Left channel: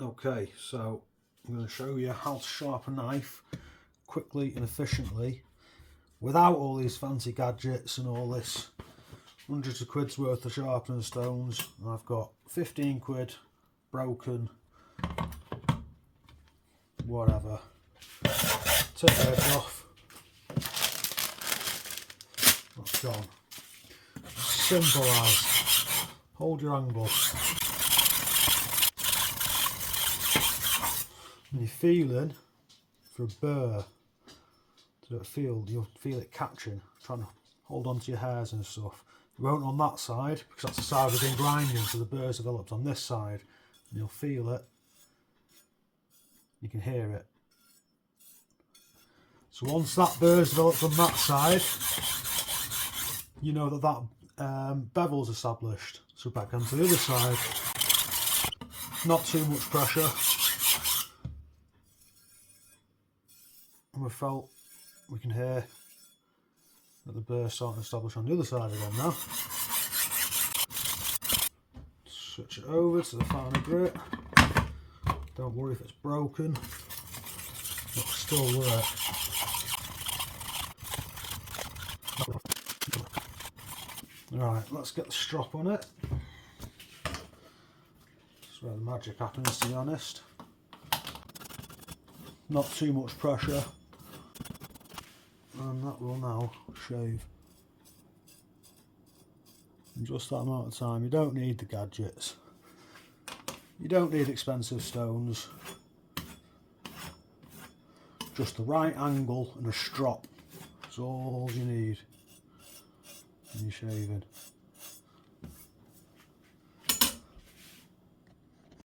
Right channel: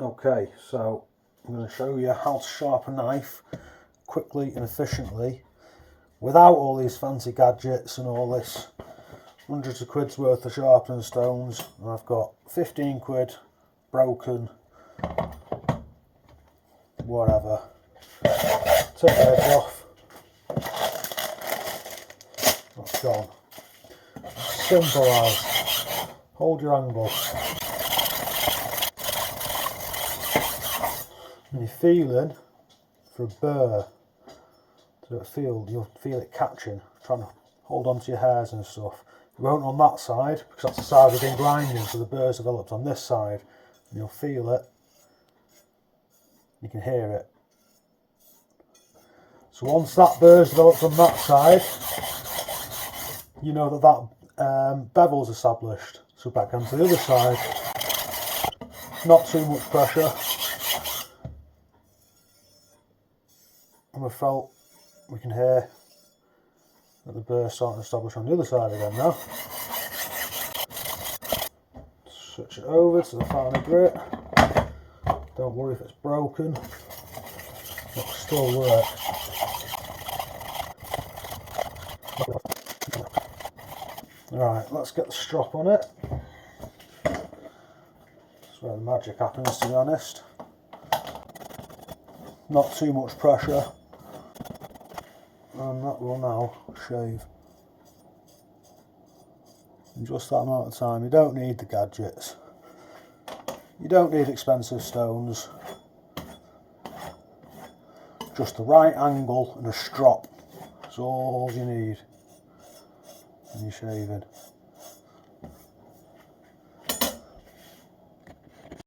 Okay, so I'm going to show you how to sharpen a knife quickly and efficiently without all these fancy gadgets and all this hundreds of quid's worth of sharpening stones. And I've got 15 quid broken, whatever. Take the edge off. That's gone. Simple as hold your angle. And you're feeling for a burr. So you'll feel it catching, trying to hold on to your hairs and stuff. You won't on that side because that's the side we've been grinding, so the burr's developed on this side. And you'll feel it. You can hear it. So once that burr's developed on that side, you know that bevel's established. So back onto the other side. Not too much pressure. And we can hear that the burr's starting to establish on the other side again now. Switch it over to the finer grit. Don't worry if it's broken, it'll still work. Right, let's get the strop on it. That's where the magic happens, to be honest. Not too much pressure. And that will now shave in just that amount of time. You don't need the gadgets. You don't need expensive stones. Just the right angle and a strop. That's all you need when you're shaving.